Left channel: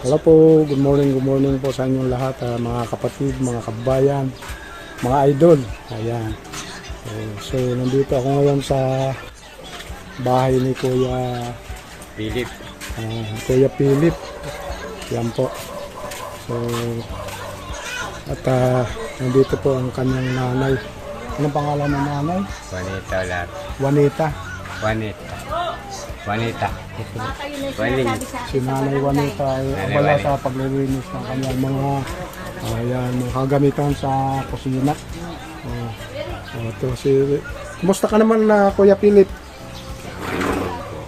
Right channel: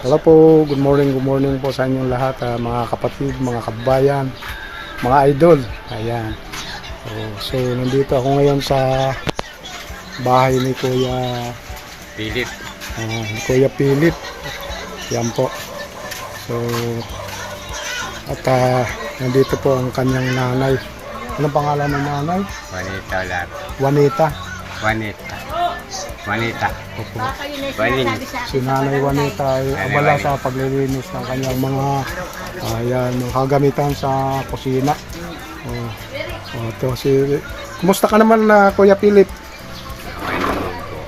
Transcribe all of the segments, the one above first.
Hello po, good morning po sa inyong lahat, mga kapatid, mga kabayan, mga idol. Ayan. So nandito ako ngayon sa bahay ni Kuya Philip. Kuya Philip. Yan po. So at nandito po ang kanyang nanay. Anong pangalan ng nanay? Juanita ulat. Juanita. Juanita. Opo. Waling. Si Nanay Juanita ay abala sa paglilinis ng kanyang mga mga kagamitan sa kusina. Kumusta ka naman na Kuya Philip? Okay naman po.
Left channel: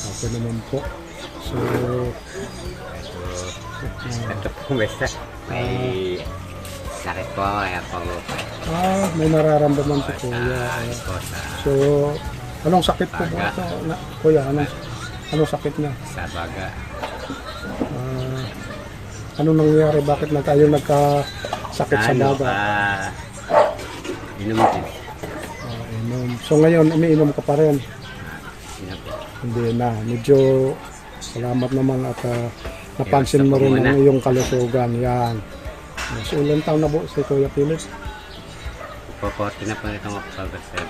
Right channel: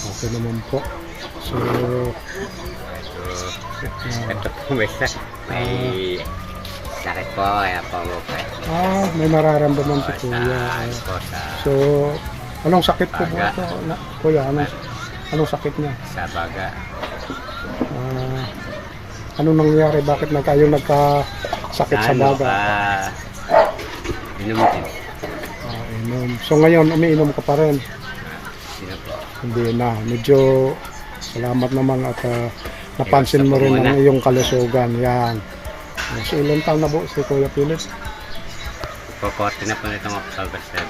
Okay naman po. So, Ito po may sakit po kaya po mo pa. may nararamdaman si Kuya. So, anong sakit po po ito? Kuya, anong sakit niya? Sa baga. Anong nangyari? Bakit kayo nagkasakit sa baga? Inom din. Inom. So ngayon, umiinom ka pa rin? Sino po? Hindi na. Medyo salamat naman at napansin mo rin ang iyong kalusugan. Yan. So ilang taon na po si Kuya Philip? Po 40 na po nitong October 7.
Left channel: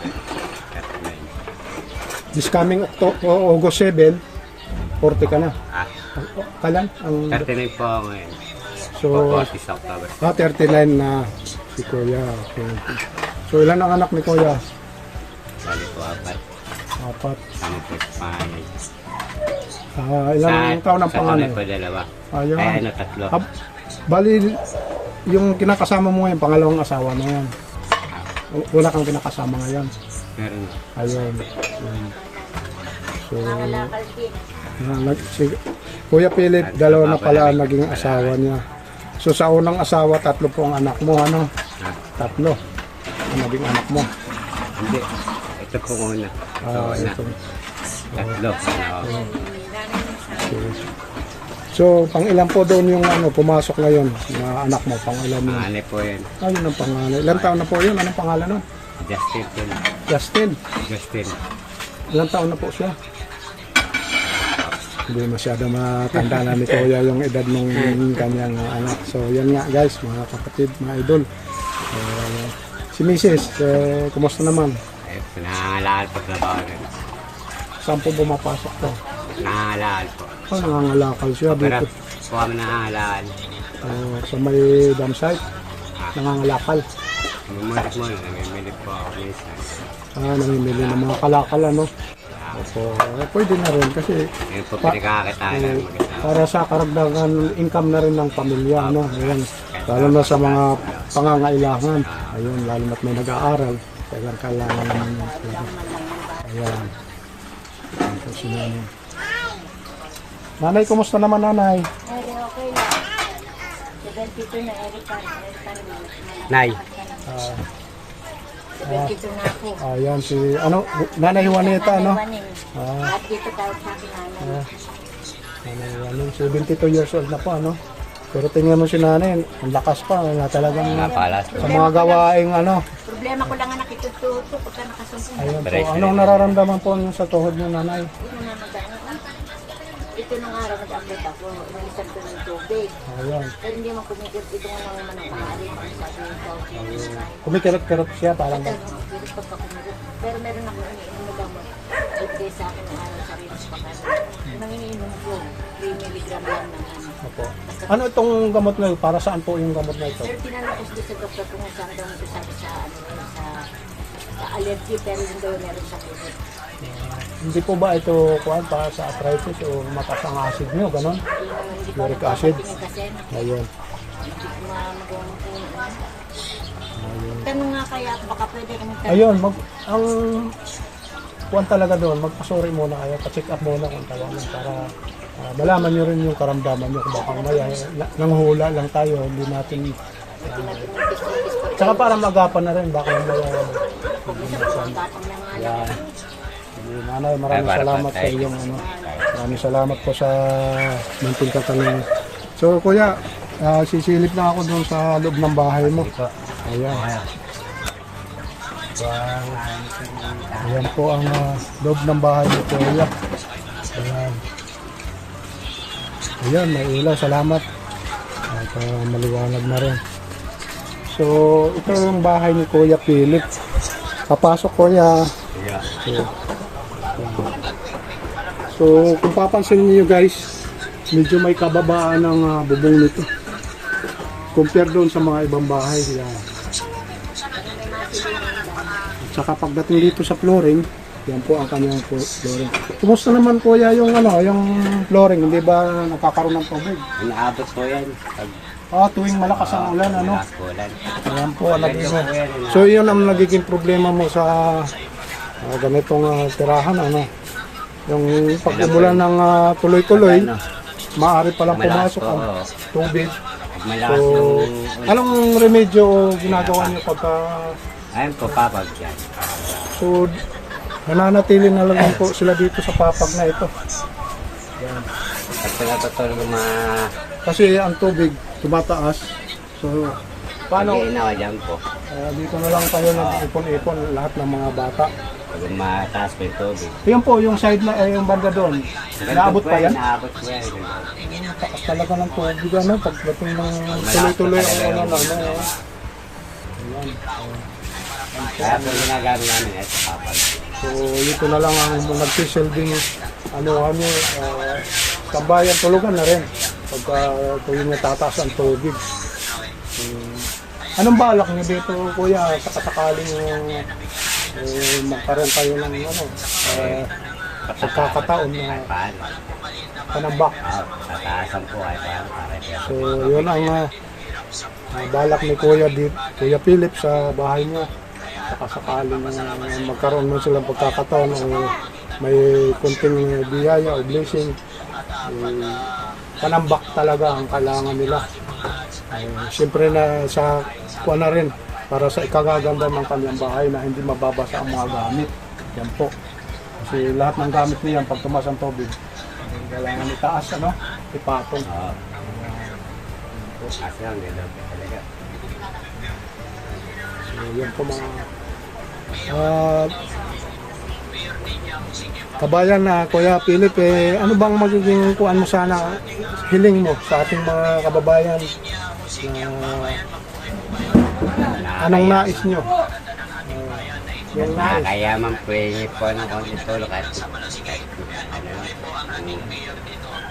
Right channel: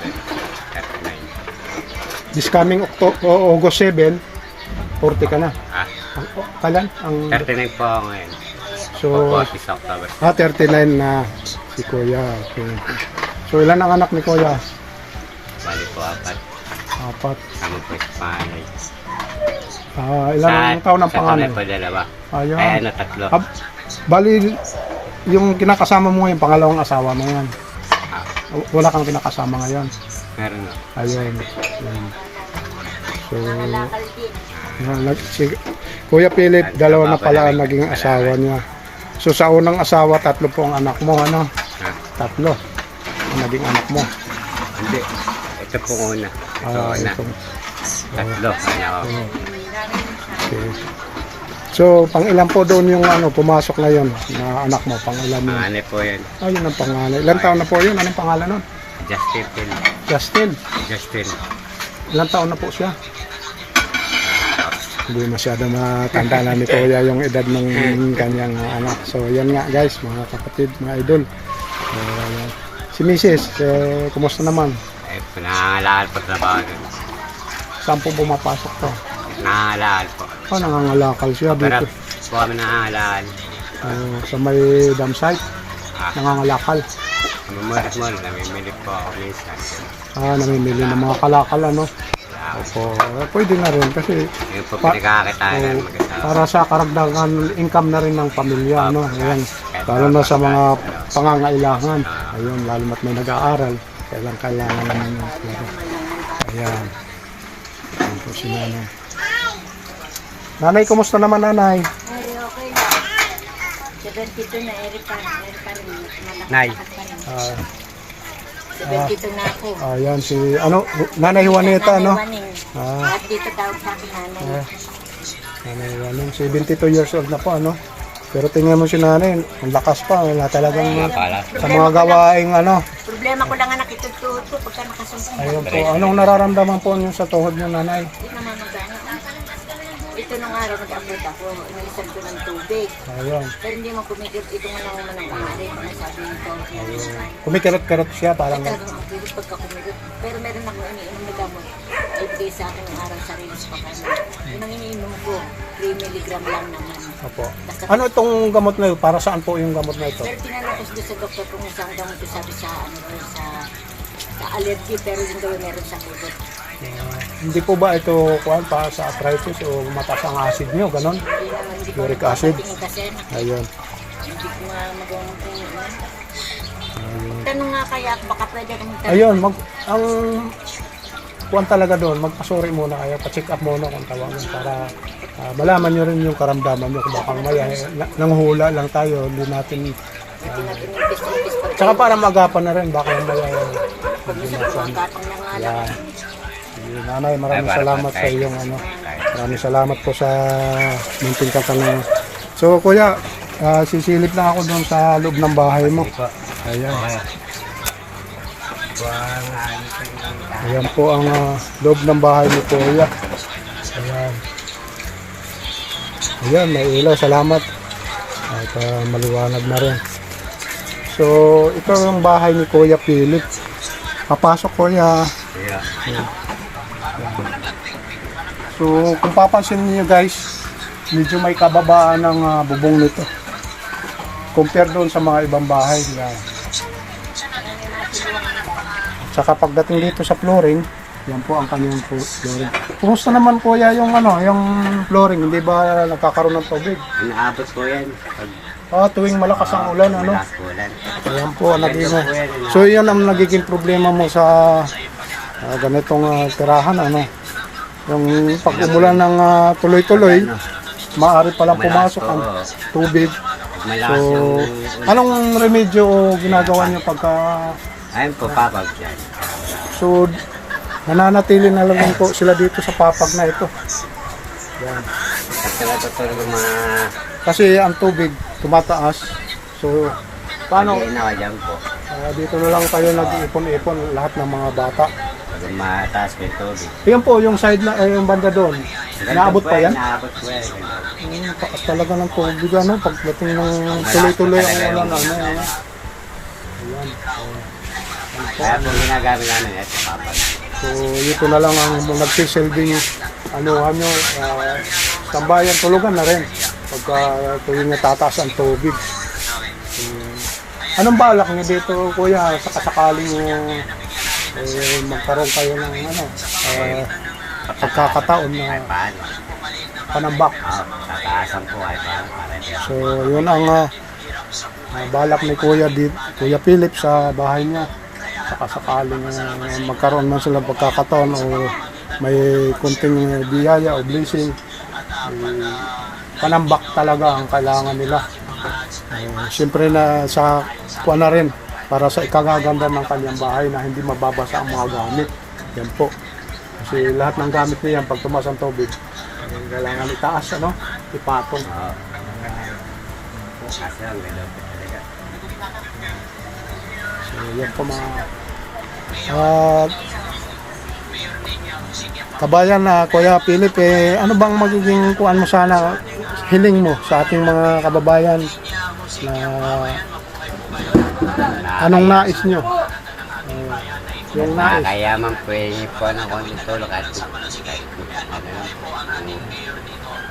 39. This coming August 7, 40 ka na. Kailan? 39 po ako ngayon. So, Po 40 sa October. 39 na si Kuya. Okay. So ilan ang anak ni Kuya? Bali po 4. 4. Sama po sa panganay. Ilan ang taon ng panganay? Sa panganay po 2. Ayun. Ay 3. Bali, yung kinakasama mo ngayon, pangalawang asawa mo yan. Wala kang kinakasama ngayon. Meron na. Ayun. So, si Kuya Philip, dalawa na pala ang naging asawa niya. So sa unang asawa, 3 po ang anak mo, ano? 3 ang naging anak mo. Hindi. Ito po una. Ito una. Ito. 3 anak ko. Okay. So, pang-ilan po doon yung pumasok ngayon na anak mo? Pang-ilan yun? Panganay po yun. Yun ang pangalan. Ilan taon na po yun? Anong pangalan nun? Justin. Justin. Ilan taon na po siya? Hindi masyado matanda na ni Kuya yung edad ng kanyang anak. So, yan nga guys, mga kapatid, mga idol. Si Mrs., kumusta naman? Ay, nangangalakal po trabaho nun. Saan po bumapasok to? Nangangalakal po. Nangangalakal siya Pero dito. po kami nangangalakal. Sa may dam site, nangangalakal. Mamumulat-mulat, namimili po ako minsan. Namimili ng mga kalakal, ano? Opo, pwede na rin kasi Yung po pinagkakakitaan ng maganda. para sa karagdagan income na rin ng pamilya, ano? Ayan. Lalo na sa mga pangangailangan. Ayun, lalo na't may nag-aaral. Kailangan naman yung pera. Ayan. Ayan po si Nanay. Nanay, kumusta naman Nanay? Okay lang. 72 na, Erika. Nay. 72 na ako. Ayan si, Nanay Juanita, no? At dito tawag sa akin nanay. Nanay Juanita, 72 years old na po, ano? Pero tingnan mo si Nanay, ang lakas pa, wala talagang sa mga gawaing, Problema ko lang nga nakitututo pagka nakasumpong. Ayun po, anong nararamdaman po niyo sa tuhod niyo, Nanay? Hindi naman magano. Ito nung araw nag-upload ako, inisan ko ng tubig. Ayan. Pero hindi mo kumikit, ito nga naman ang maaari. Ano sabi ng tawag? Kumikirot-kirot siya, parang Talagang ang bilis pagka kumikit. Pero meron ako iniinom na gamot. Ibigay sa akin yung araw sa rinis pa kanya. Yung ang iniinom ko, 3 milligram lang naman. Opo. Ano itong gamot na ito? Para saan po yung gamot na ito? Pero tinanong ko sa doktor kung saan daw ito sabi sa allergy, pero yung daw meron sa kubot. Hindi po ba ito pa sa arthritis o mataas ang acid nyo, ganon? Hindi pa Uric acid? kasi Ayun. hindi ko nga magawang tanong nga kaya baka pwede kong Ayun, ang kuwan talaga doon, magpasuri muna kayo, pa-check up muna kung tawag yun para malaman nyo rin yung karamdaman nyo. Kung baka maya, nanghula lang tayo, hindi natin tsaka para magapan na rin, baka yung maya yan. Nanay, maraming salamat sa iyong maraming salamat po sa munting katanungan. So Kuya, sisilip lang ako doon sa loob ng bahay mo. Ayan. Ayan po ang loob ng bahay mo, Kuya. Ayan. Ayan, may ilaw. Salamat. At maliwanag na rin. So, ito yung bahay ni Kuya Philip. Papasok, Kuya. Kaya, So, kung papansin niyo guys, medyo may kababaan ng bubong nito. Compare doon sa mga ibang bahay. Yan. At saka pagdating dito sa flooring, yan po ang kanyang flooring. Kumusta naman Kuya yung yung flooring? Hindi ba nakakaroon ng tubig? inaabot po yan. Pag Tuwing malakas ang ulan, malakas po ulan. Ayan po, naging, so yun ang nagiging problema mo sa ganitong tirahan, yung pag umulan ng tuloy-tuloy, maaari palang pumasok ang tubig. Pag malakas So, yung ulan. anong remedyo ginagawa niyo pagka, Ayun po, papag dyan. so, nananatili na lang po sila dito sa papag na ito. At tinatutulog yung mga Kasi ang tubig tumataas, so, paano, pag-iinawa dyan po. dito na lang kayo nag-ipon-ipon lahat ng mga bata. Pag mataas po yung tubig. Yan po, yung side na, yung banda doon. Naabot pa yan? Naabot po yan. Taas talaga ng tubig, pagdating ng tuloy-tuloy. Malakas po talaga yung Ayan. Kaya po ginagamit namin ito, papag. So, ito na lang ang nagsisilbing nyo, tambayan, tulugan na rin. Pagka tuwing natataas ang tubig. Anong balak nyo dito, Kuya, sa kasakaling magkaroon kayo ng pagkakataon na Kahit paano. panambak? Tataasan po kahit paano. Para ito. So, yun ang balak ni Kuya Philip sa bahay niya. Sakaling magkaroon man sila pagkakataon o may kunting biyaya o blessing, panambak talaga ang kailangan nila. Siyempre na sa kuha na rin para sa ikagaganda ng kanyang bahay na hindi mababasa ang mga gamit. Yan po. Kasi lahat ng gamit niyan pag tumas ang tubig, kailangan itaas, ipatong. Oo. Kasi ang ganda po talaga. So, yan po mga kabayan na Kuya Philip, ano bang magiging kuan mo sana, hiling mo sa ating mga kababayan na anong nais nyo? Yung nais. Nakakayaman po yun po ng konti tulog at ano lang po.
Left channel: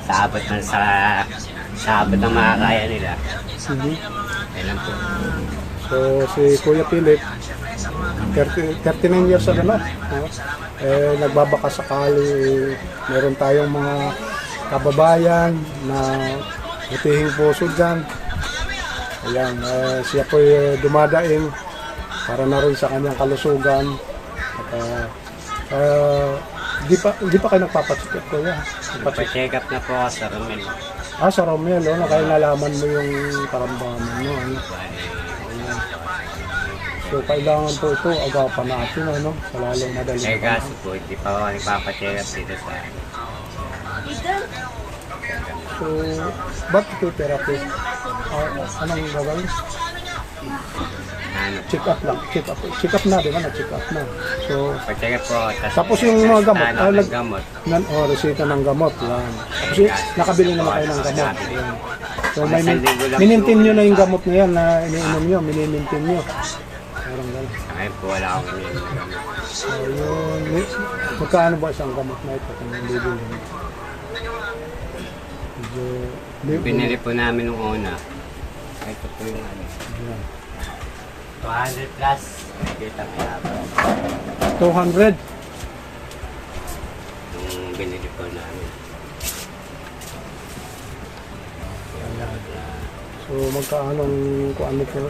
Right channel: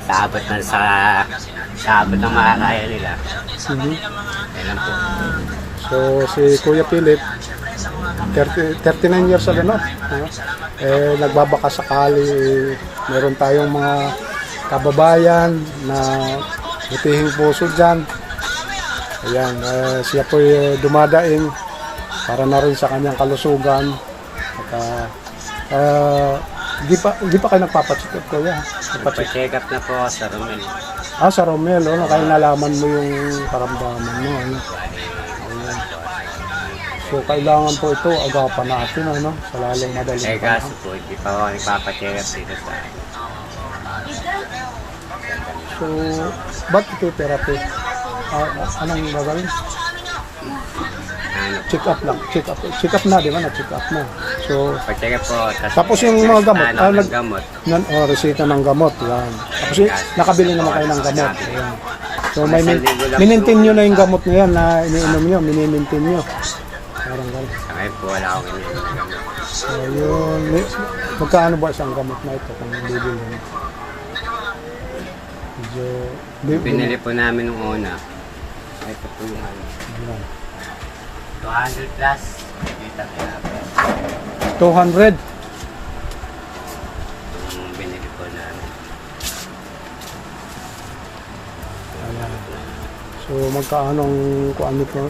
Saabot na saabot ng makakaya nila. Mhm. Yan lang po. So si Kuya Philip 39 years old nagbabaka sakali, meron tayong mga kababayan na butihing puso dyan. Ayan, siya po dumadaing para na rin sa kanyang kalusugan. At di pa kayo nagpapacheck up, Kuya? Nagpa-check up na po ako sa Romel. Sa Romel, na kayo nalaman mo yung karamdaman mo. Bali, So kailangan po ito agapan natin, sa lalong madaling eh kaso po, hindi pa ako nagpapacheck up dito sa So, ba't ito therapy? Anong gagawin? ano. Check up lang. Check up na, di ba? Na-check up na. So, Pa-check up po. Tapos yung mga gamot, ng gamot. resita ng gamot. Yan. Tapos nakabili naman kayo ng gamot. Yan. So, may minintin nyo na yung gamot na yan na iniinom nyo. Minimintin nyo. Parang gano'n. Sa ngayon po, wala akong iniinom ng gamot. Ayun. Magkaano ba isang gamot na ito kung bibili nyo? Medyo... Pinili po namin nung una. Ito po yung ano. Yan. 200 plus. Kita kaya po. 200. Yung binili po namin. Ayan. So magkaanong kung ano po?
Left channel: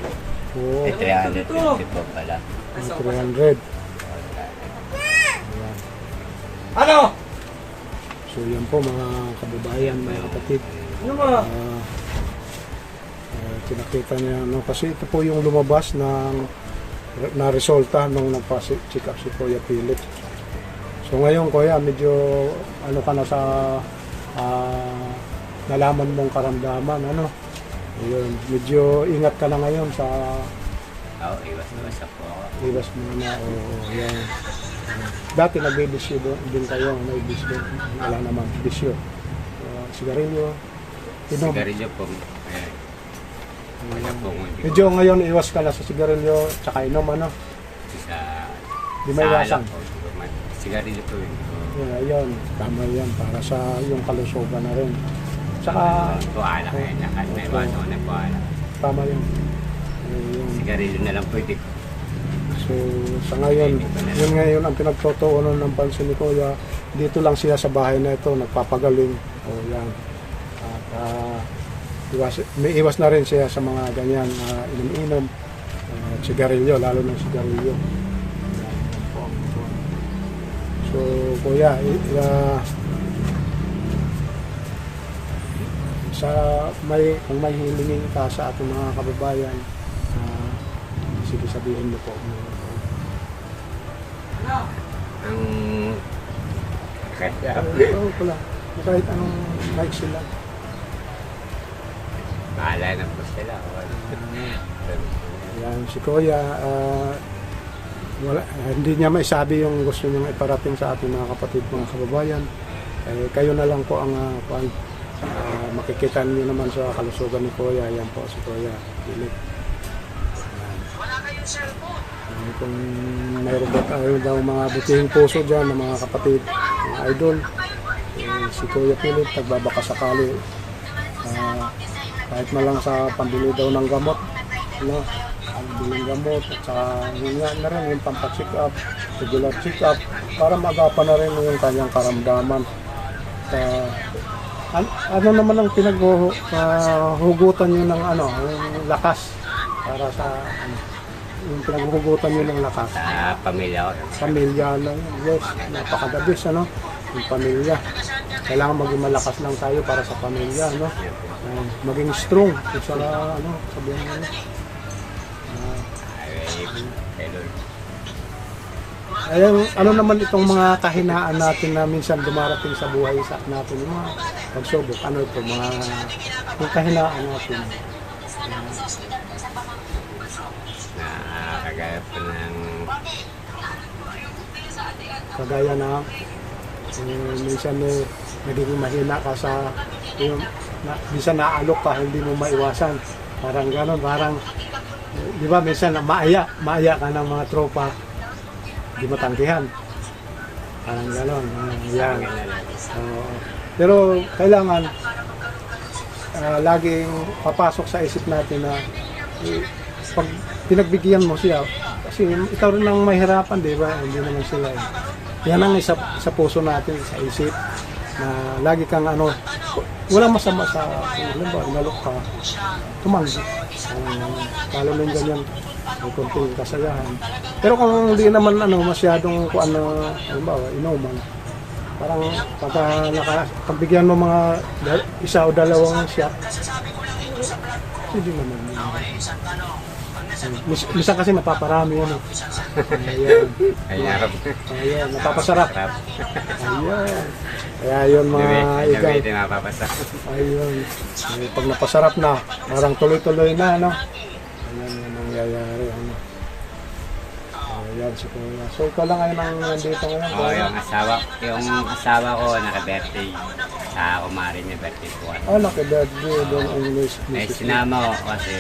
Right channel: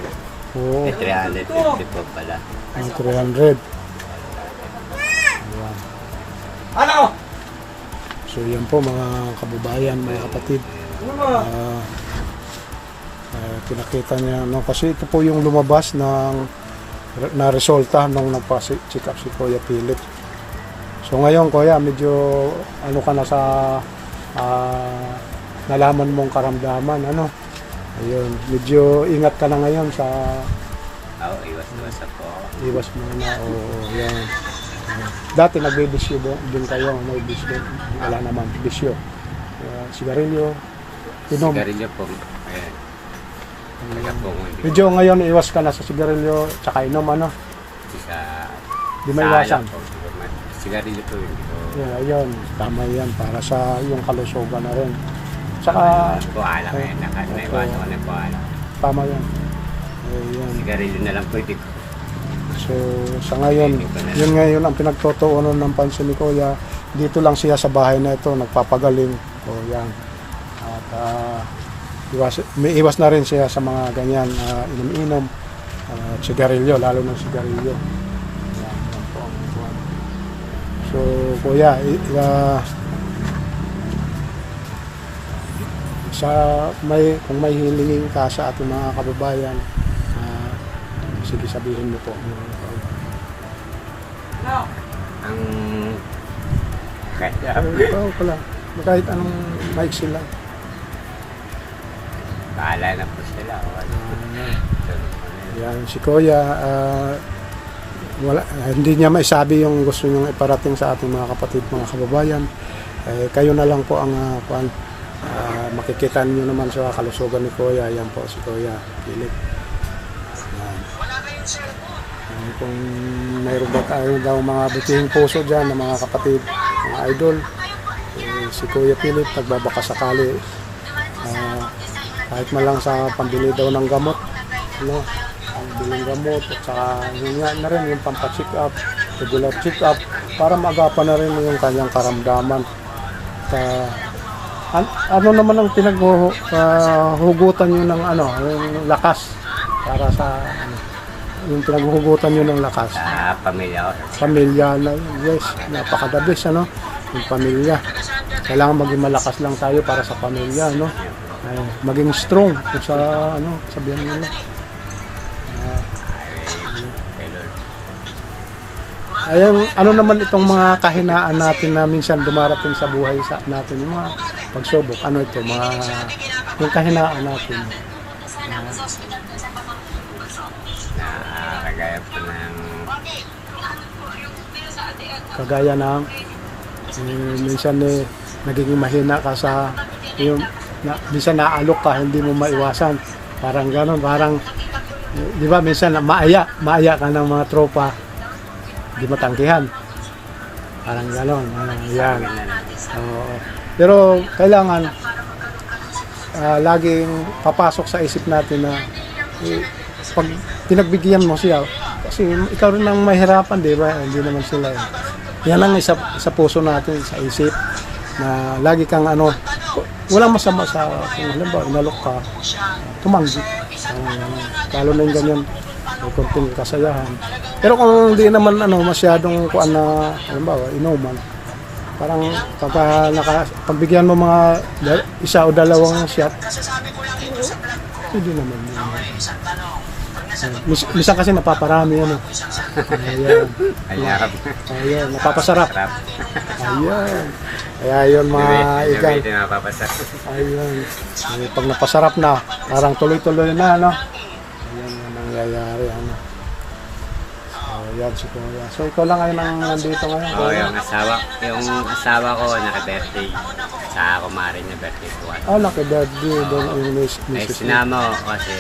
Oo, 350 po pala. 300. Ayan. So yan po mga kababayan, mga kapatid. Pinakita niya, kasi ito po yung lumabas na resulta nung nagpa-check up si Kuya Philip. So ngayon Kuya, medyo ano ka na sa nalaman mong karamdaman, ayun, medyo ingat ka na ngayon sa Oo, iwas-iwas po ako. iwas mo na, yan. Dati nagbibisyo din kayo, may bisyo, wala naman bisyo. Sigarilyo, inom. Sigarilyo po. Ayan. Kaya po kung hindi Medyo ngayon iwas ka na sa sigarilyo tsaka inom ano. sa... Di may iwasan. alak po. Sigarilyo po hindi po. Yeah, ayun, tama yan para sa yung kalusugan na rin. Tsaka Po alak eh. Naiwasan ko na po alak. tama yan. Ayun. Sigarilyo na lang po hindi ko. So sa ngayon, yun ngayon ang pinagtutuunan ng pansin ni Kuya. Dito lang siya sa bahay na ito, nagpapagaling. O yan. At may iwas na rin siya sa mga ganyan inom-inom. Sigarilyo, lalo ng sigarilyo. Yan, yan po ang ito. So Kuya, kung may hilingin ka sa ating mga kababayan, sige sabihin mo po. Ang... Kaya Ito pala, kahit ang mic sila. bahala na po sila. Yan, si Kuya, hindi niya maisabi yung gusto niyang iparating sa ating mga kapatid, mga kababayan. Kayo na lang po ang makikita niyo naman sa kalusugan ni Kuya. Yan po si Kuya Philip. Kung mayroon ba tayo daw mga butihing puso dyan ng mga kapatid, mga idol, si Kuya Philip, pagbabaka sakali, kahit na lang sa pambili daw ng gamot, no? Pambili ng gamot, at saka yun nga na rin yung pampacheck up, regular check up, para magapan na rin yung kanyang karamdaman. Ano naman ang pinaghuhugutan nyo ng yung lakas para sa yung pinaghuhugutan nyo ng lakas? Sa pamilya ko. Pamilya lang, yes, napakadabis, ano? Yung pamilya. Kailangan maging malakas lang tayo para sa pamilya, no? Maging strong kung sa, sabihan nila. Ayun, ano naman itong mga kahinaan natin na minsan dumarating sa buhay natin, yung mga pagsubok, ano ito, yung kahinaan natin. Kagaya po ng... Kagaya ng minsan nagiging mahina ka sa minsan naalok ka, hindi mo maiwasan, parang gano'n, parang di ba minsan maaya ka ng mga tropa, di matanggihan, parang gano'n. Yan. Pero kailangan laging papasok sa isip natin na pag pinagbigyan mo siya, kasi ikaw rin ang mahirapan, di ba? Hindi naman sila. Yan ang isa puso natin, sa isip, na lagi kang walang masama sa kung alam ba, nalok ka, tumanggi. Lalo na yung ganyan, may konting kasayahan. Pero kung hindi naman masyadong inuman, parang pagbigyan mo mga isa o dalawang shot, hindi naman yun. Misa kasi mapaparami Ayan. Ayan, mapapasarap. Sarap. Ayan. Kaya yun mga igal. Hindi napapasarap. Ayun. Pag napasarap na, parang tuloy-tuloy na, no? Ayan yung nangyayari, Ayan si Kuya. So ikaw lang ay nandito ngayon. Oo, yung asawa ko naka-birthday. Sa kumari niya birthday ko. Laki birthday. Doon ang Ay, sinama ko kasi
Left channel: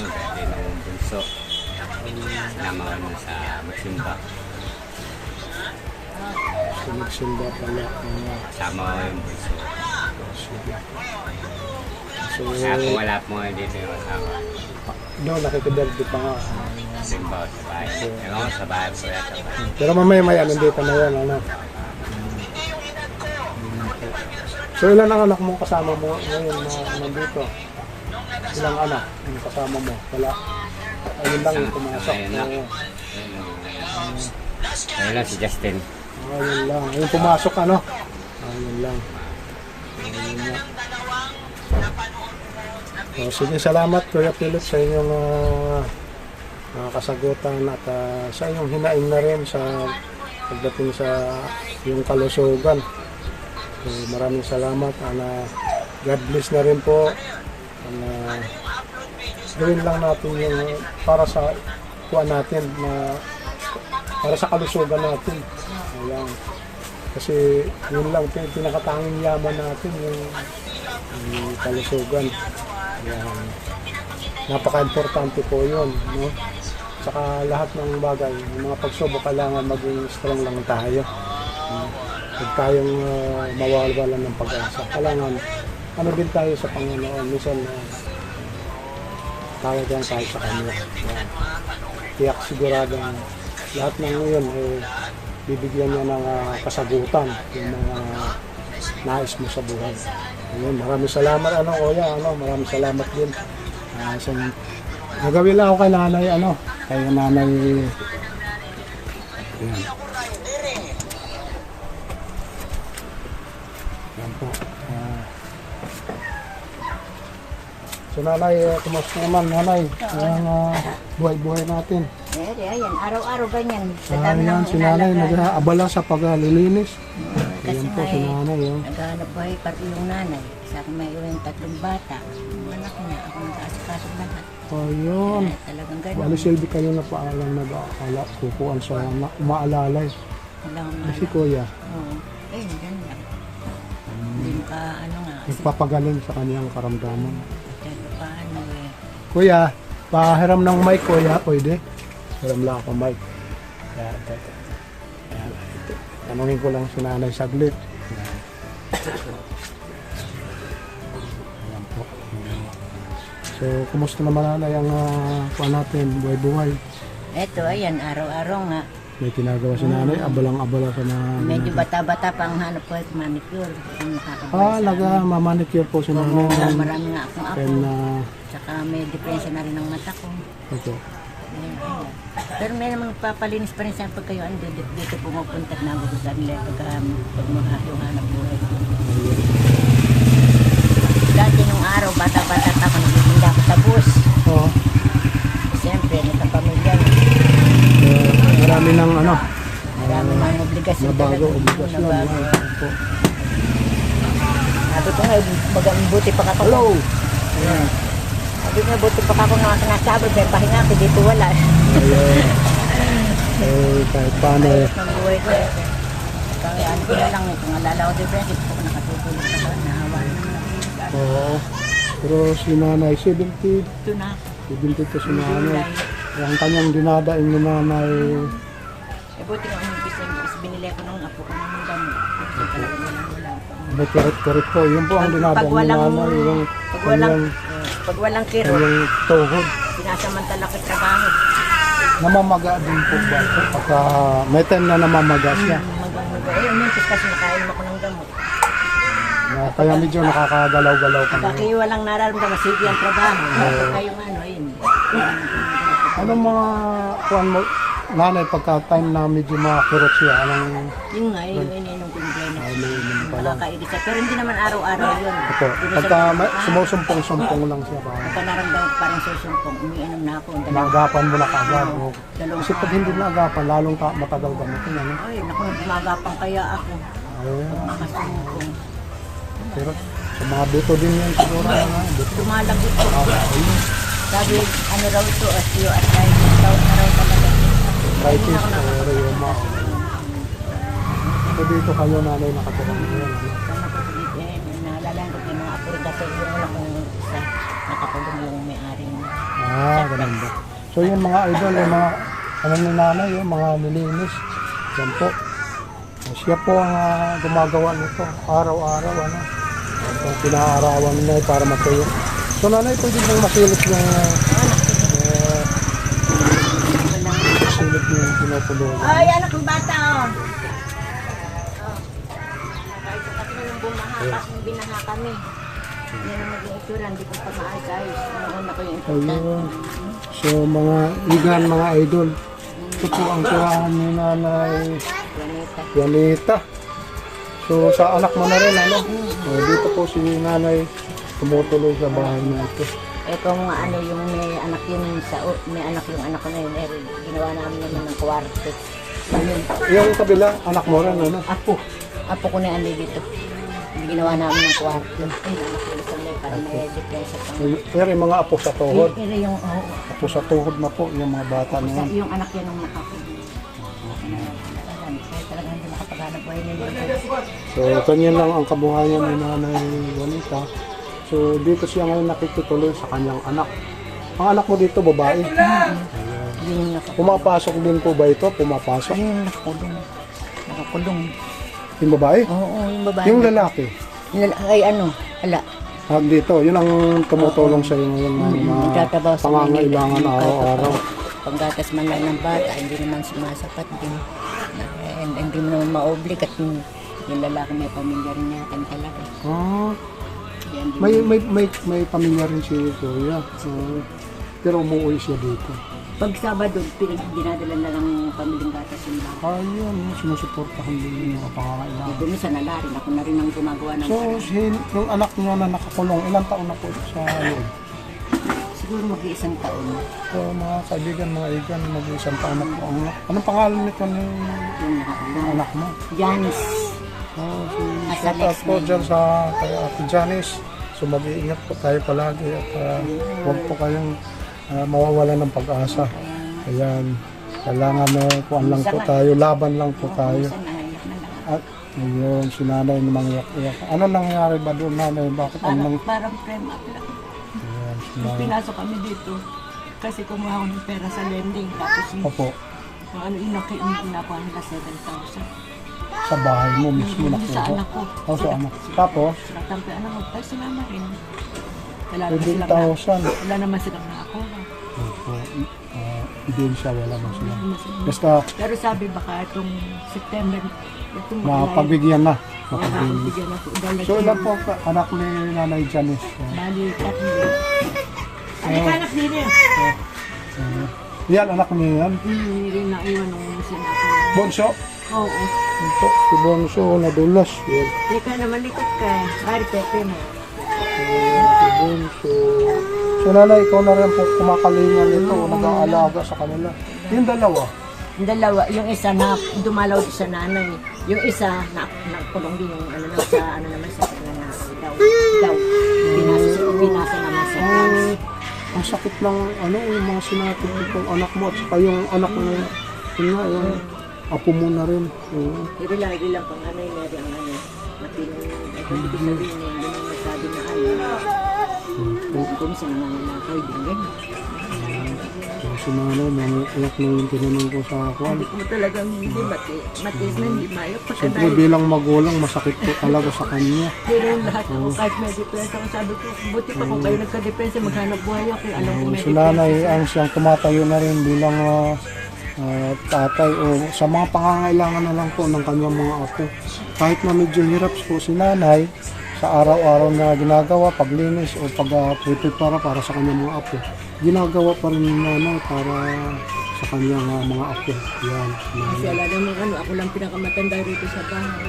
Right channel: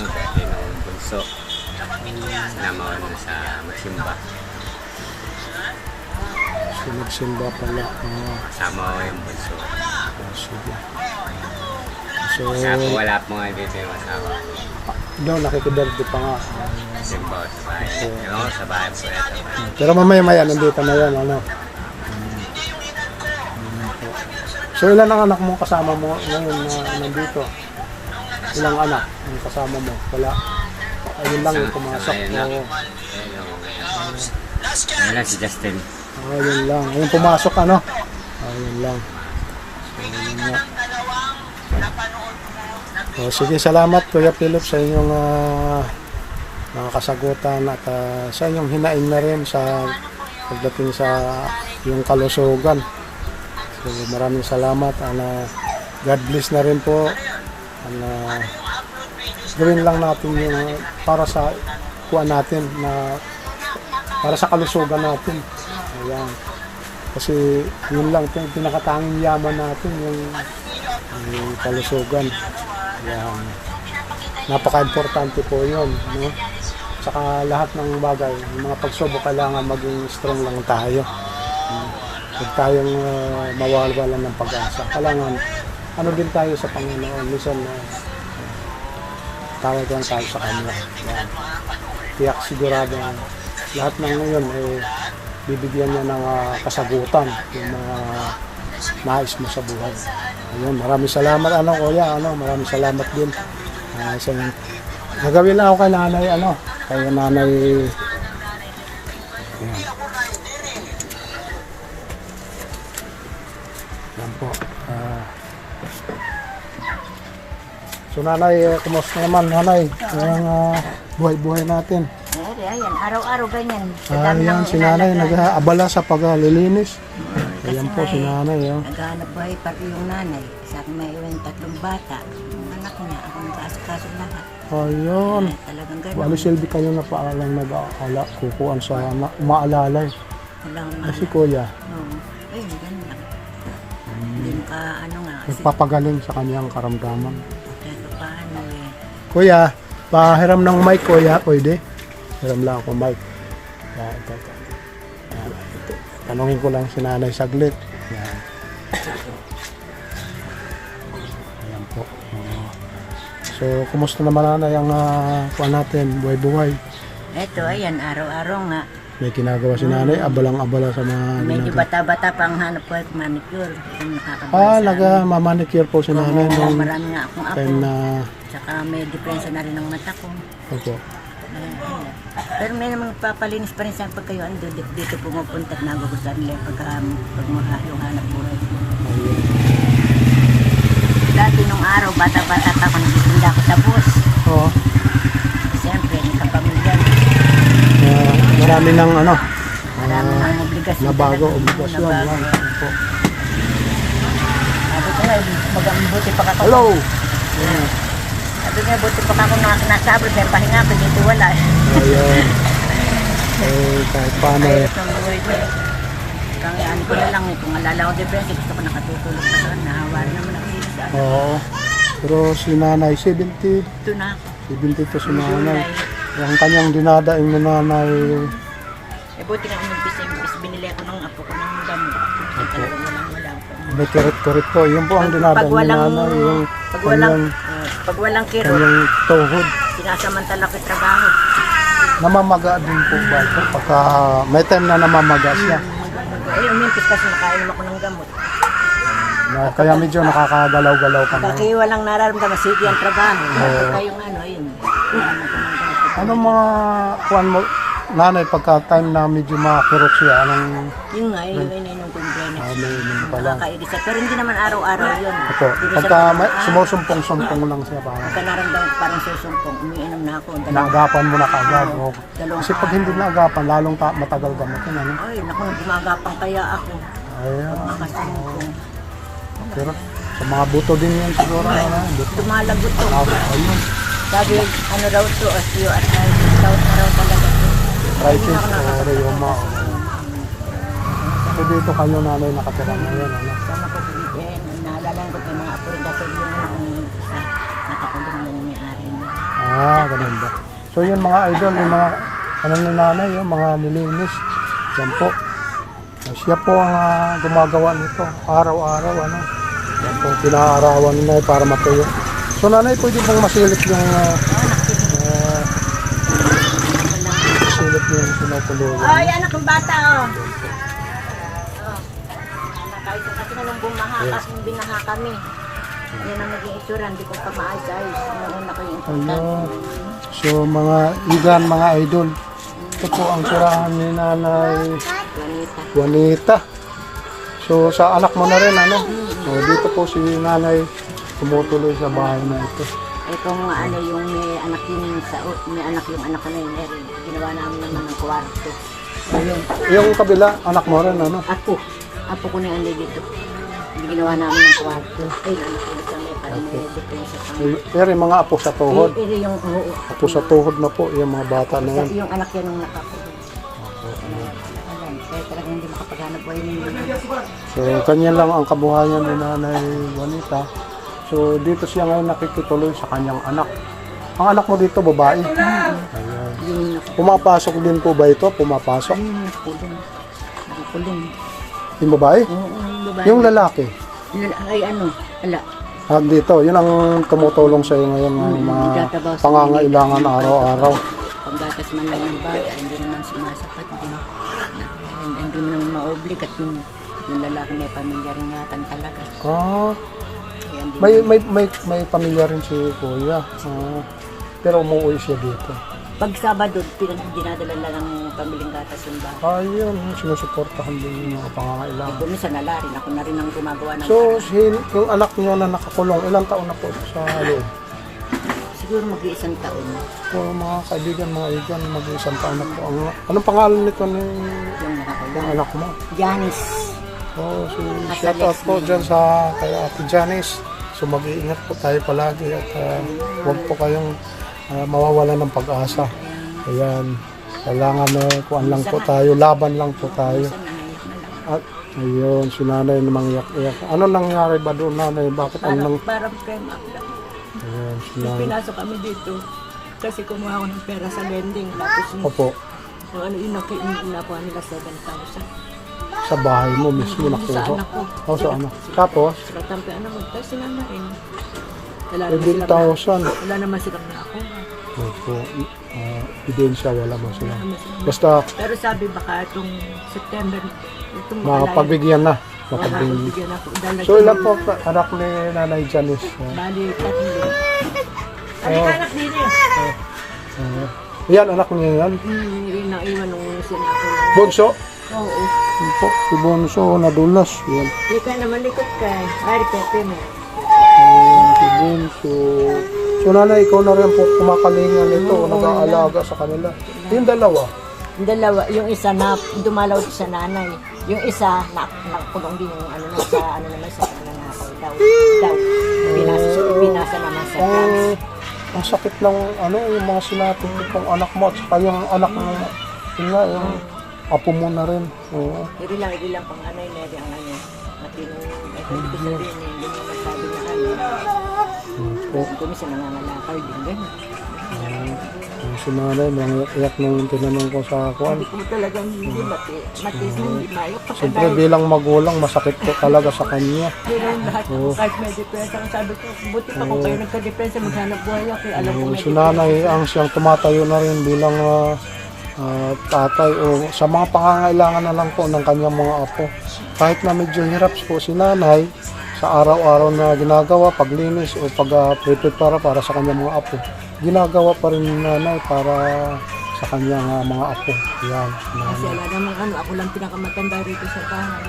birthday ng bunso. Sinama ko na sa magsimba. So magsimba pala. Kasama ko yung bunso. Sige. So, Wala po nga dito yung asawa. doon nakikibirthday pa nga. Simba ko sa bahay. Ewan ko sa bahay po yan. Pero mamaya nandito na yan, So ilan ang anak mo kasama mo ngayon na nandito? Ilang anak ang kasama mo? Wala. Ayun lang yung pumasok. Ayun lang si Justin. Ayun lang. Yung pumasok, Ayun lang. Ayun lang. So, sige, salamat Kuya Philip sa inyong mga kasagutan at sa inyong hinaing na rin sa pagdating sa yung kalusugan. So, maraming salamat. God bless na rin po. Gawin lang natin yung para sa kuha natin na para sa kalusugan natin. Ayan. Kasi yun lang, pinakatanging yaman natin, yung kalusugan. Yan. Napaka-importante po yun, no? Saka lahat ng bagay, yung mga pagsubok, kailangan maging strong lang tayo. Huwag tayong mawawalan ng pag-asa. Kailangan, ano din tayo sa Panginoon. Minsan, tawag lang tayo sa Kanya. Yan. Tiyak sigurado lahat ng ngayon, bibigyan niya ng kasagutan yung mga nais mo sa buhay. Ayun, maraming salamat, kuya, maraming salamat din. So, nagawin lang ako kay nanay, kay nanay, yan. Yan po. So, nanay, kumusta naman, nanay? Ang buhay-buhay natin. Ayan, araw-araw ganyan. Sa Ah, dami yan, ng si nanay inalagaan. nag-aabala sa paglilinis. Kasi Ayan po si nanay. naghahanap buhay pa rin yung nanay. Sa akin may iwan 3 bata. Yung anak niya, ako nag-aasikaso lahat. Ayun. Talagang gano'n. Bali silbi kayo na paalang nag-aala, kukuan sa umaalalay. Wala akong Kasi mahala. kuya, Oo. Ayun, ganun lang. Hindi mo ka, kasi nagpapagaling sa kanyang karamdaman. kahit paano Kuya, pahiram ng mic kuya, pwede? Hiram lang ako mic. Yan, teka. Yan, ito. Tanungin ko lang si nanay saglit. Yan. Ayan po. So, kumusta naman nanay ang kuha natin, buhay-buhay? Eto, ayan, araw-araw nga. May ginagawa si nanay, abalang-abala sa mga... Medyo bata-bata pa ang hanap ko ay manicure. Kung nakakabuhay Ah, sa nagmamanicure po si nanay. Oo, nung marami nga akong apo. time na... Tsaka may diferensya na rin ng mata ko. Opo. Ayun, ayun. Pero may namang papalinis pa rin sa pag kayo dito pumupunta at nagugustuhan nila pag yung hanap buhay. Dati nung araw, bata-bata pa ako, nagtitinda ako sa bus. Oo. Siyempre, nagkapamilya. Marami ng Marami ng obligasyon nabago, talaga. obligasyon. Nabago. Opo. Sabi ko nga, buti pa ako. Hello! Sabi ko nga, buti pa ako nga nasabot. Dahil pahinga ko, dito wala. Ayun. Kahit paano Ang buhay ko eh. Kaya ko na lang kung alala ko difference, gusto ko nakatutulog pa doon. Nahawa rin naman ako. Oo. Pero si nanay, 70. Ito na ako. 70 to si nanay. July. Ang kanyang dinadaing ni nanay. Eh buti nga umimpis binili ako ng apo ko ng gamot. Kasi talagang walang po. May kirit-kirit po. Yun po ang dinadaing ni nanay. Yung Pag walang kirot, kanyang tuhod. sinasamantala ko yung trabaho. Namamaga din po ba ito? Pagka may time na namamaga siya. Umimpis kasi nakainom ako ng gamot. Kaya medyo nakakagalaw-galaw ka na. Kaya walang nararamdaman, sige ang trabaho. Pagka yung ayun. Ano mga kuwan mo, nanay, pagka time na medyo makakirot siya, anong Yun nga, yung ininom ko yung Grenex. may pala? Nakakaigisa. Pero hindi naman araw-araw yun. Opo, Di ba pagka sabi ko, sumusumpong-sumpong lang siya ba? Pagka naramdaman ko parang susumpong, umiinom na ako. Naagapan mo na kagad. Oo, no? dalawang Kasi pag hindi naagapan, lalong matagal gamitin. Ano? Ay, naku, gumagapang kaya ako. Ayun. Pag makasumpong. Pero sa mga buto din yun siguro. Buto. Lumalagot to. Ayun. Sabi, ano raw to, osteoarthritis daw na raw talaga to. Right, Hindi na ako sis. nakapagpapunta. So dito kayo nanay nakatira ngayon. Ano? Sana po dito, naalala ko yung mga apo rin kasi yung anak ko nung isa, nakapagod lang yung may-ari niya. Ah, ganun ba? So yun mga idol, yung mga ano ni nanay, yung mga nilinis. Yan po. Siya po ang gumagawa nito araw-araw. Ano? Yan po ang pinaarawan nila para matuyo. So nanay, pwede pong masilip yung masilip yung pinupululan. Ay, anak ng bata, oh. Nakait ko kasi nung bumaha, kasi nung binaha kami. Yan ang naging itsura, hindi ko pa maayos-ayos. Noon ako yung important. Ayun. So mga igan, mga idol, ito po ang tirahan ni nanay Juanita. Juanita. So sa anak mo na rin, ano? So dito po si nanay tumutuloy sa bahay na ito. Itong ano yung may anak yun sa may anak yung anak ko na yun, ginawa namin naman ng kwarto. Ayun. Yung kabila, anak mo rin, ano? Apo ko na yung ano dito. Ginawa namin ng kwarto. Ay, anak ko na may parang may diferensya pa. Pero yung mga apo sa tuhod. Pero yung, oo. Apo sa tuhod na po, yung mga bata na yan. Yung anak yan nung nakapunod. Alam, kaya talagang hindi makapag maghanap buhay ninyo. So, kanya lang ang kabuhayan ni Nanay Juanita. So, dito siya ngayon nakikituloy sa kanyang anak. Ang anak mo dito, babae. Ayan. Yun, Pumapasok din po ba ito? Pumapasok? ayun, nakulong. Nakakulong. Yung babae? Oo, yung babae. Yung lalaki? Ay, ano, ala. At dito, yun ang tumutulong sa iyo ngayon ng mga Tatabaw sa pangangailangan araw-araw. Panggatas man lang ng bata, hindi naman sumasapat din. Hindi mo naman ma-oblig at yung lalaki may pamilya rin yatan talaga. Ah, Kaya hindi may pamilya rin si Kuya. Pero umuwi siya dito. Pag Sabado, dinadala na ng pamilyang gatas yung bata. Ayun, sinusuportahan din yung mga pangangailangan. Ito minsan nala rin, ako na rin ang gumagawa ng So, paraan. yung anak niyo na nakakulong, ilang taon na po sa loob? Siguro mag-iisang taon. So, mga kaibigan, mga igan, mag-isang taon na po. Anong pangalan nito ni Yung nakakulong. anak mo? Janice. Oh, so, At shout the out next po name. dyan sa kay Ate Janice. So, mag-iingat po tayo palagi at huwag po kayong mawawala ng pag-asa. Ayan, kailangan kuan lang po tayo, laban lang po tayo. Minsan nangayak na lang. At ayun, si nanay namang iyak-iyak. Ano nangyari ba doon, nanay? Bakit anong... Parang frame up lang. Ayan, si Nung nanay. pinasok kami dito, kasi kumuha ako ng pera sa lending. Tapos Opo, yung ano, inakuha nila 7,000. sa bahay mo mismo Sa nakuha. anak ko. Oh, sa anak. Tapos, Sila tampi, ano mo, tapos sinama rin. Wala naman silang 7,000. nakakuha. Opo, ebidensya, wala ba sila? Wala naman silang- Basta, Pero sabi baka itong September, itong makalaya. mapagbigyan na. Oo, Mapagbigyan. mapagbigyan ako. Dahil So, ilan po anak ni Nanay Janice? Bali, 3. Ano ka anak din eh? Yan, anak niya yan. Rin naiwan nung sinako. Bonso. Oo. Yan po, si Bonso nadulas. Yan. Lika naman likod ka. Ari, pepe mo. Si Bonso. So, nanay, ikaw na rin po kumakalingan nito. Nag-aalaga sa kanila. Yung dalawa. Yung dalawa, yung isa na dumalaw sa nanay. Yung isa nakulong din yung ano na sa ano naman sa nanakaw daw. Pinasa naman sa drugs. Ang sakit ng ano, yung mga sinapit ng anak mo at saka yung anak ng yun nga, yung apo mo na rin. Oo. Hindi lang pang ano yung Mary ang ano. Matinong, ay hindi ko sabihin eh, hindi mo masabi na ano. Kung minsan nangangalakal din, gano'n. Si nanay, iyak nung tinanong ko sa kuwan. Sabi ko talagang hindi matiis na hindi mayok. Siyempre bilang magulang, masakit po talaga sa kanya. Pero lahat ako kahit may depensa, sabi ko, buti pa kung kayo nagka-depensa, maghanap buhay ako. Alam ko may Si nanay ang siyang tumatayo na rin bilang tatay o sa mga pangangailangan na lang po ng kanyang mga apo. Kahit na medyo hirap po si nanay sa araw-araw na ginagawa, paglinis o pag-prepare para sa kanyang mga apo, ginagawa pa rin ni nanay para sa kanyang mga apo. Yan, si nanay. Kasi alam naman ano, ako lang pinakamatanda rito sa bahay.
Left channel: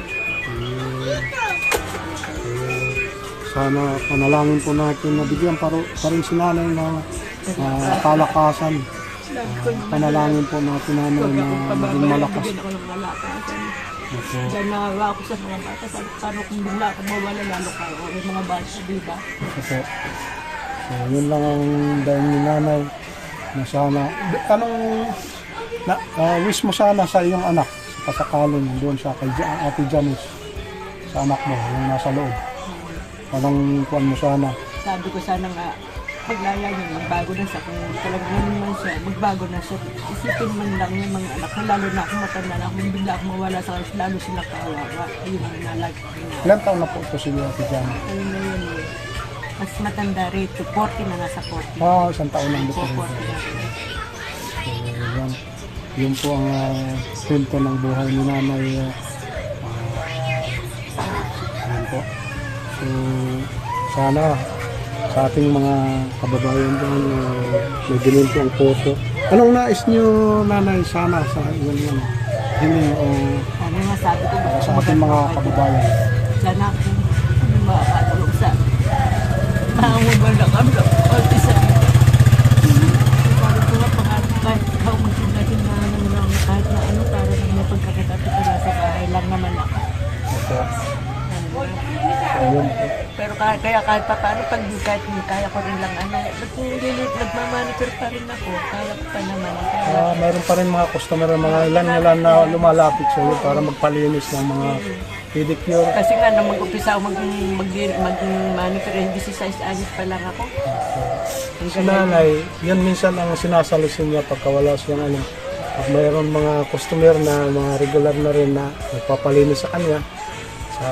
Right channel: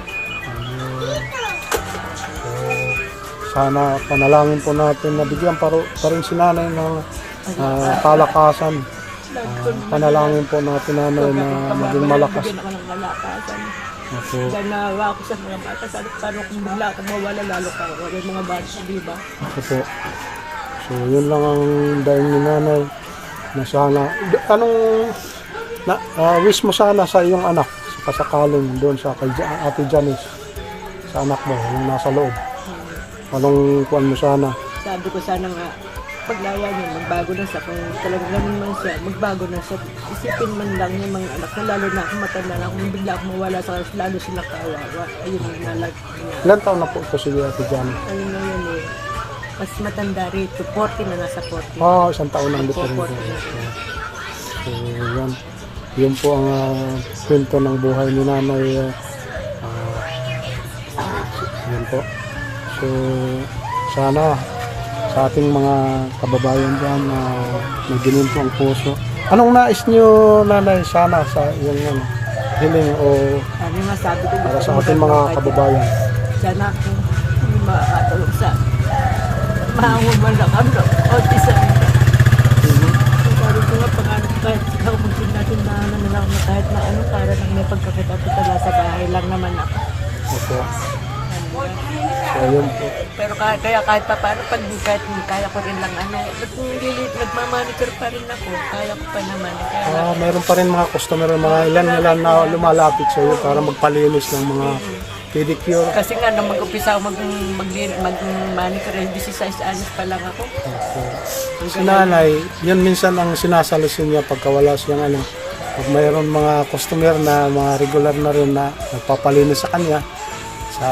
Sana panalangin po natin na bigyan pa rin si nanay ng kalakasan. Panalangin po natin nanay na maging malakas. Bigyan ako ng malakasan. Opo. Dahil nawa ako sa mga bata, sabi paano kung bigla ako mawala, lalo ka, yung mga bata, di ba? Opo. So, yun lang ang dahil ni nanay na sana. Anong wish mo sana sa iyong anak sa kasakaling doon sa kay Ate Janice, sa anak mo, yung nasa loob? Anong kuwan mo sana? Sabi ko sana nga, paglaya niya, magbago na siya. Kung talagang ganun man siya, magbago na siya. Isipin man lang yung mga anak ko, lalo na ako matanda na, kung bigla ako mawala sa kanila, lalo sila kawawa. Ayun ang nalag. Ilan taon na po ito si Ate Janice? Ayun na yun eh. Mas matanda rito, 40 na nasa 40. Isang taon lang dito rin. 40 na. So, yan. Yun po ang kwento ng buhay ni nanay. Yan po. So, sana sa ating mga kababayan dyan na may gininto ang puso. Anong nais nyo, nanay, sana sa inyong hiling o Ano yung masabi ko, para sa ating mga kababayan? sana kung may makakatulong sa mahanguman na kami ng konti sa ito. Sabi ko nga, pangarap kahit ikaw magsin natin na ano na lang na kahit na ano, para lang may pagkakatapi sa bahay lang naman ako. Opo. So, yun po. Pero kaya kahit pa paano, kahit kaya ko rin lang, nagmamonitor pa rin ako. Kaya ko pa naman. Kaya Mayroon pa rin mga customer, mga ilan na lumalapit sa iyo para magpalinis ng mga pedicure. kasi nga, nung mag-upisa ako mag-monitor, 16 anos pa lang ako. Si nanay, yun minsan ang sinasalisin niya pagka wala siyang alam. Pag mayroon mga customer na mga regular na rin na nagpapalinis sa kanya, sa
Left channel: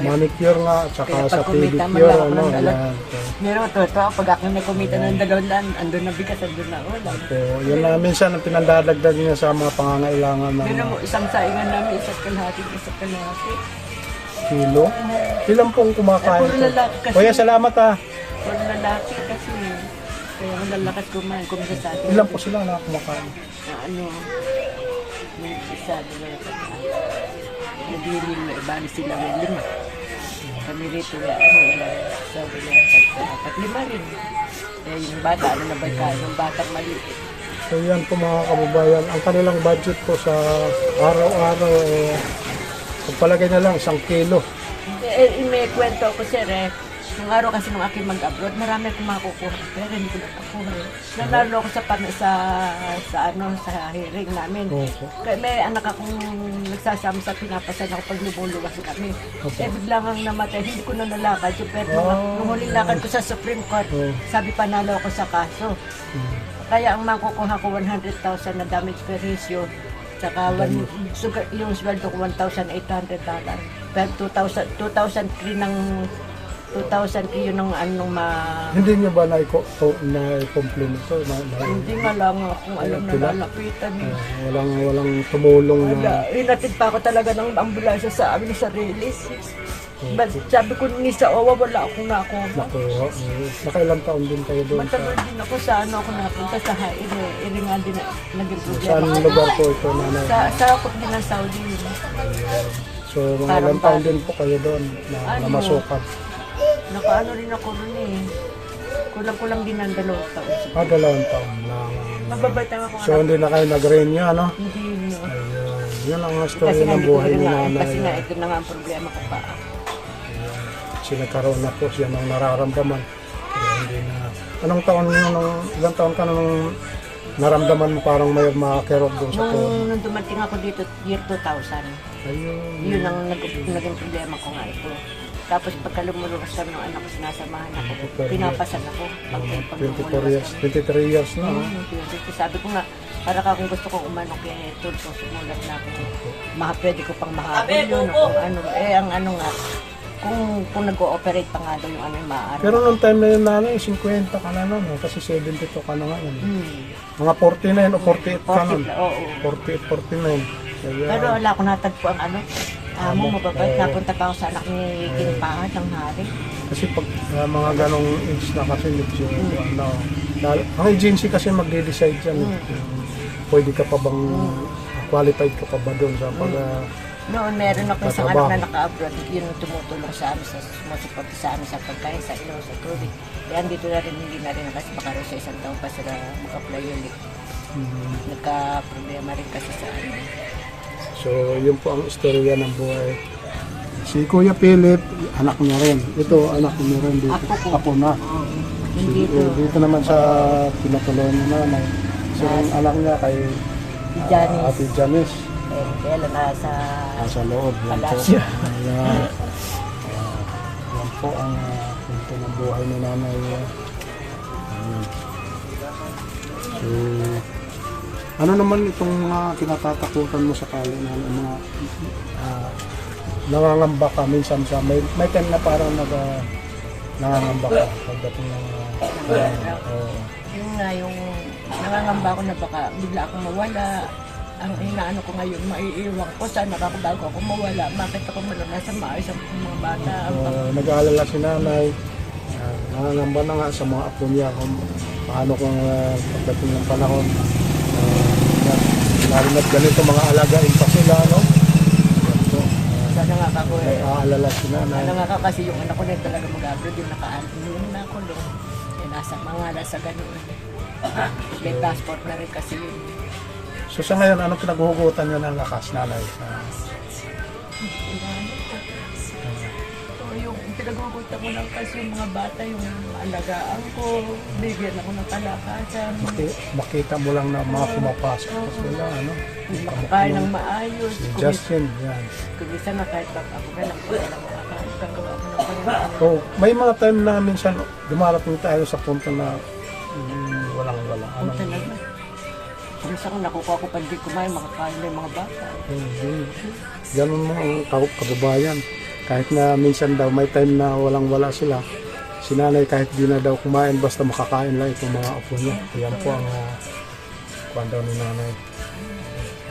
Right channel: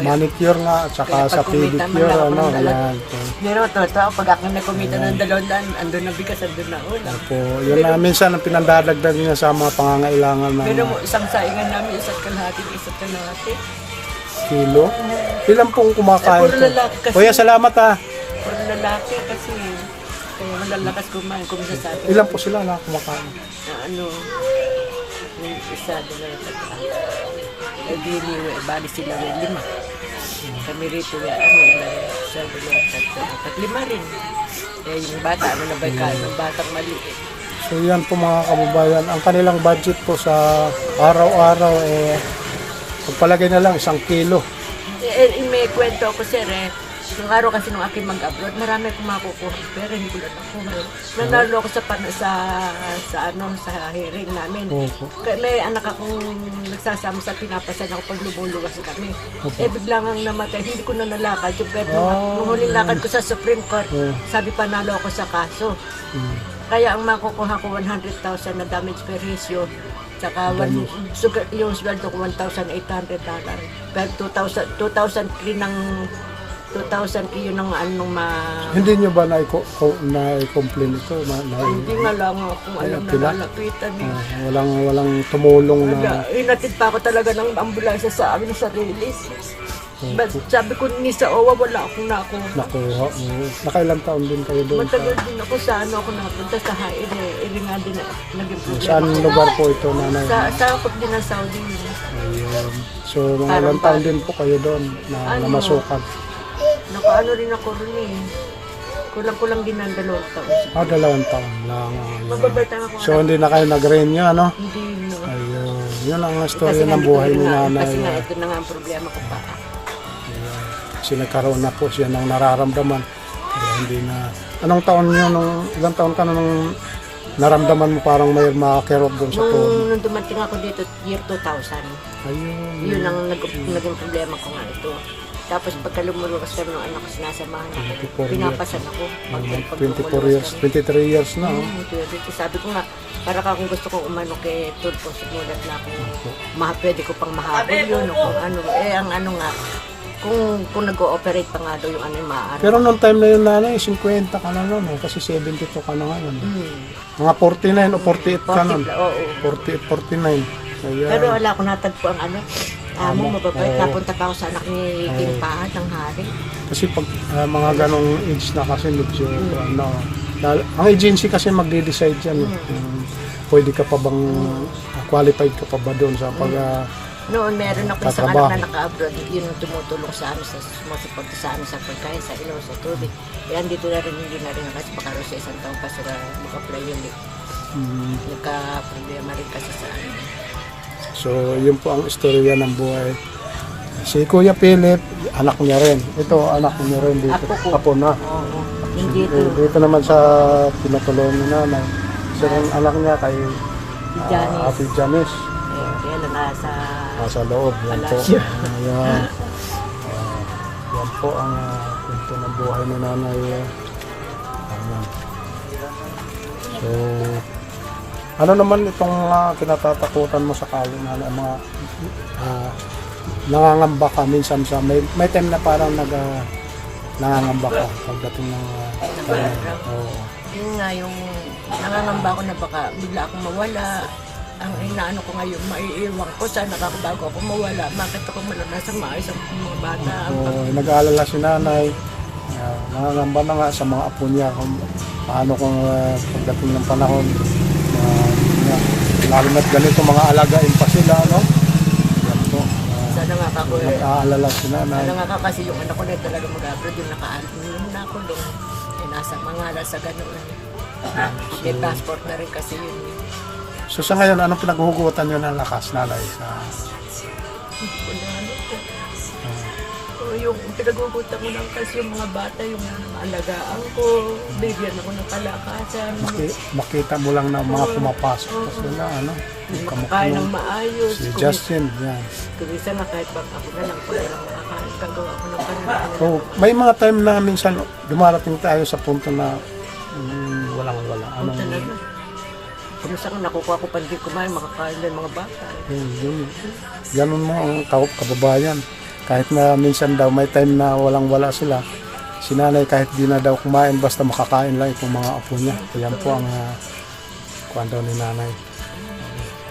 manicure nga at saka Kaya sa pag kumita man pedicure, lang ako ano, ng dala. ayan. Pero totoo, pag ako nagkumita ng 200, andun na bigas, andun na ulam. So, yun na minsan ang pinandadagdag niya sa mga pangangailangan ng Pero mo, isang saingan namin, isa't kalahati. kilo. Ilan pong kumakain? Puro lalaki kasi. Kuya, salamat ha. Puro lalaki kasi. Kaya malalakas kumain, kumisa sa atin. Ilan po sila na kumakain? Yung isa, doon na tataan. Eh, bali sila may 5. Kami rito, isa, doon na tataan. 5 rin. Eh, yung bata, na ba yung batang maliit. So yan po mga kababayan, ang kanilang budget po sa araw-araw, pagpalagay na lang 1 kilo. May kwento ako, sir, nung araw kasi nung aking mag-abroad, marami akong makukuha. Pero hindi ko lang nakuha. Nanalo ako sa hearing namin. Kaya may anak akong nagsasama sa pinapasan ako pag lumuluwas kami. Biglang ang namatay, hindi ko na nalakad. Pero nung huling lakad ko sa Supreme Court, sabi panalo ako sa kaso. Kaya ang makukuha ko 100,000 na damage per issue. Saka yung sweldo ko $1,800. Pero 2,003 ng 2,003 yun ng anong Hindi nyo ba na-complain ito? hindi nga lang kung alam na lalapitan eh. Walang tumulong na... Inatid pa ako talaga ng ambulansya sa amin sa release. But sabi ko ni sa OWA, wala akong nakuha. Nakuha. Nakailang taon din kayo doon? Matagal din ako sa ako napunta sa Haire. Nga din naging problema. Saan lugar po ito, nanay? Sa akot din ng Saudi. Ayan. So, mga Parang ilang taon din po kayo doon na namasukan? Nakaano rin ako rin eh. Kulang-kulang din ng 2 taon. 2 taon lang. Magbabay tayo ako. So, hindi na kayo nag-renew, ano? Hindi no. Ayun. Yun ang story Kasi nga, ng buhay ni kasi nga nanay. ito na nga ang problema ko pa. Sinagkaroon na po siya ng nararamdaman. Kaya hindi na... Anong taon yun? Ilang taon ka nung naramdaman mo parang may makakirot doon sa phone? Nung dumating ako dito, year 2000. Ayun. Yun ang naging problema ko nga ito. Tapos pagka lumuluwas kami ng anak ko, sinasamahan ako. Pinapasan ako. Pag 24 years, 23 years na. Sabi ko nga, para ka kung gusto kong umano kay Tulfo, sumulat na akong pwede ko pang mahabol yun. O kung ano, ang ano nga, kung nag-ooperate pa nga daw yung ano yung maaari. Pero nung time na yun, nanay, 50 ka na nun. Kasi 72 ka na ngayon. Mga 49 o 48 ka nun. 40, oo. 48, 49. So, yeah. Pero wala akong natagpo ang ano. Amo, mababait. Napunta pa ako sa anak ni King Pahat ng hari. Kasi pag mga ganong age na kasi medyo, ang agency kasi magde-decide yan. Pwede ka pa bang, qualified ka pa ba doon sa pag... Noon, meron ako isang anak na naka-abroad. Yun ang tumutulong sa amin, sumusuporta sa amin sa pagkain, sa ilaw, sa tubig. Yan, dito na rin, hindi na rin kasi baka rin sa 1 taon pa sila mag-apply yun. Nagka-problema rin kasi sa amin. So, yun po ang istorya ng buhay. Si Kuya Philip, anak niya rin. Ito, anak niya rin dito. Apo na. Oo. Hindi ito. Dito naman sa pinatuloy ni nanay. So, ang anak niya kay Janice. Ate Janice. Kaya lang Nasa loob. Yan po. Palasyo. Ayan. Yan po ang kwento ng buhay ni nanay. So, ano naman itong mga kinatatakutan mo sa kayo na mga nangangamba ka minsan sa may time na parang nangangamba ka pagdating ng Yun nga yung nangangamba ko na baka bigla akong mawala. Ang inaano ko ngayon, maiiwan ko. Sana ako bago ako mawala. Bakit ako malanasan maayos ang mga bata. Nag-aalala si nanay. Nangangamba na nga sa mga apo niya kung paano kung pagdating ng panahon. Lalo na't ganito mga alagain pa sila, no? Sana nga ako nag-aalala si nanay. Sana nga kasi yung anak ko na talaga mag-abroad yung nakakulong. Nasa mga sa ganoon. May passport na rin kasi yun. So sa ngayon, anong pinaghuhugutan nyo ng lakas, nanay? yung pinagugutan ko lang kasi yung mga bata, yung alagaan ko, bigyan ako ng kalakasan. Makita mo lang na mga pumapasok Oo. sila, ano? Makakain ng maayos. Si Kung Justin, yan. kung isa na kahit pag ako na lang, pag walang makakain, gagawa ko ng parang So, may mga time na minsan dumarating tayo sa punto na walang-wala. Ano talaga? Kumusta kung nakukuha ko pa hindi kumain, makakain na yung mga bata. Ganun mo ang kababayan. Kahit na minsan daw may time na walang-wala sila, si nanay kahit di na daw kumain, basta makakain lang itong mga apo niya. Yan po ang kwento ni nanay.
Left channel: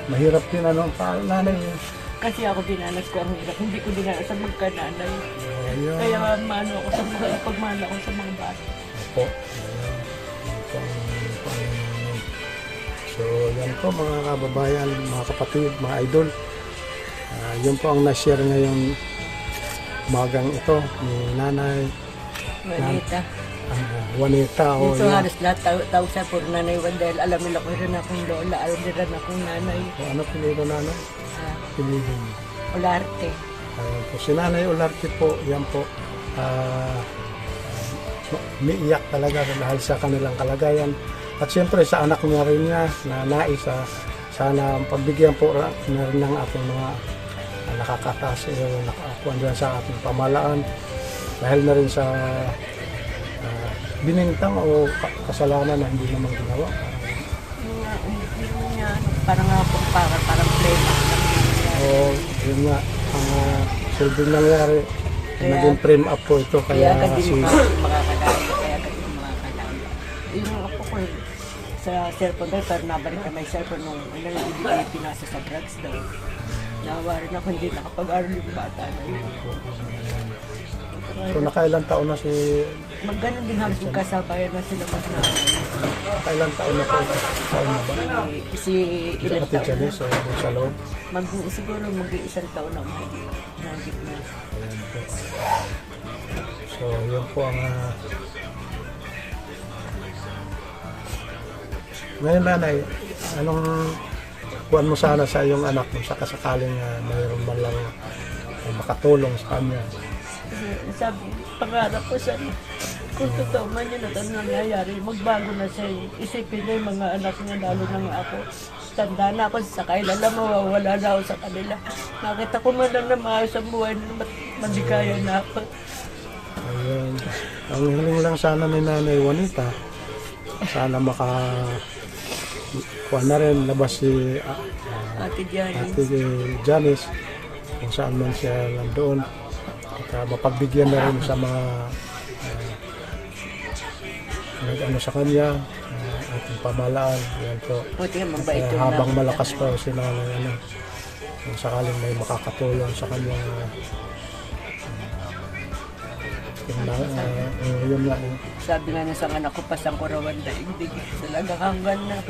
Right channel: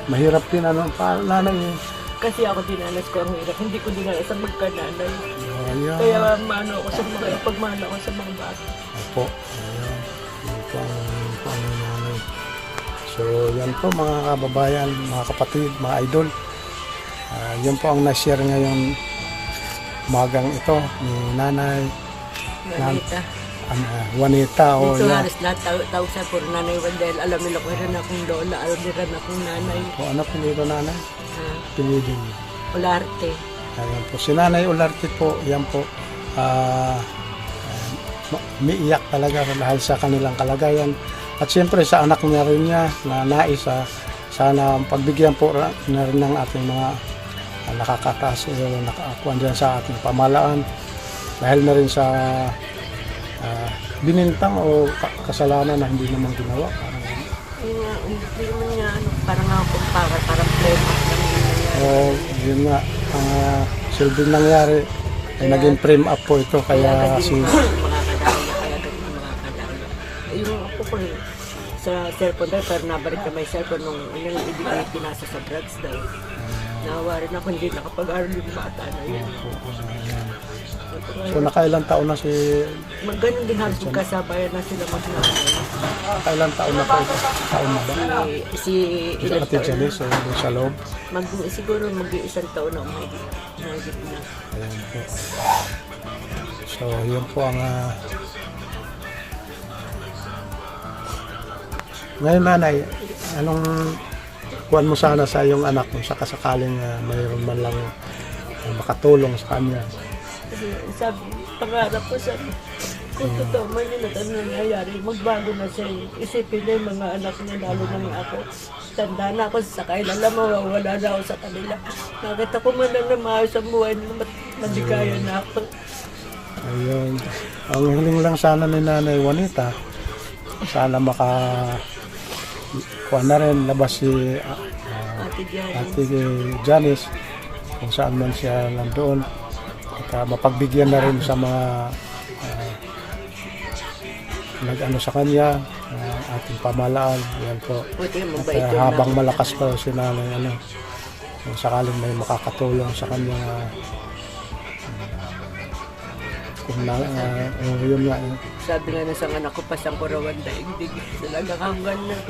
Mahirap din ano pa nanay. Kasi ako dinanas ko ang hirap. Hindi ko dinanas sa magkananay. Ayan. Kaya maano ako sa mga, pagmahal ako sa mga bata. Po. Yan po ang nanay. So, yan po mga kababayan, mga kapatid, mga idol. Yan po ang na-share ngayon magang ito ni nanay Nanita. Juanita. O Dito yan. halos lahat tao sa puro nanay Wandel. Alam nila ko rin akong lola, alam nila akong nanay. O, ano pinili nanay? Uh, Pinili. Olarte. Ayan po. Si Nanay Olarte po, yan po, umiiyak talaga dahil sa kanilang kalagayan. At siyempre sa anak niya rin niya na nais, sana pagbigyan po na rin ng ating mga nakakataas, nakakuan dyan sa ating pamalaan. Dahil na rin sa binintang o kasalanan na hindi naman ginawa. Hindi naman niya, ano, parang ako, parang playback lang yung nangyari. O yun nga, silbing nangyari, naging frame up po ito. Kaya agad si din makakadaya, kaya agad din makakadaya. Yung ako ko sa cellphone daw, pero nabalik na may cellphone nung ibigay pinasa sa drugs daw. Nawa rin ako, hindi nakapag-aral yung bata na yun. so nakailang taon na si Magganon din halos magkasabayan na sila magnanay. nakailang taon na po ito? Taon na ba? Si ilan Ate taon na? Janice, doon sa loob. Siguro mag-iisang taon na umahigit. Nagit na. Ayan po. So, yun po ang ngayon nanay, anong kuwan mo sana sa iyong anak mo sa kasakaling mayroon man lang makatulong sa kanya? Sabi, pangarap ko sa kung totoo man yun at ano nangyayari, magbago na siya. Isipin niya yung mga anak niya, lalo na nga ako. Tanda na ako sa kailala, mawawala na ako sa kanila. Nakita ko man lang na maayos ang buhay nila, maligaya na ako. Ayun. Ang hiling lang sana ni Nanay Juanita, sana kuwan na rin, labas si Ate Diyan. Ate Janice, kung saan man siya nandoon. At mapagbigyan na rin sa mga nag-ano sa kanya, ating pamalaan. Yan po. Buti nga mabait yung Habang malakas pa si nanay, kung sakaling may makakatulong sa kanya, kung yun nga. Sabi nga sa anak ko, pasang ko raw ang daigdig. Talagang hanggang na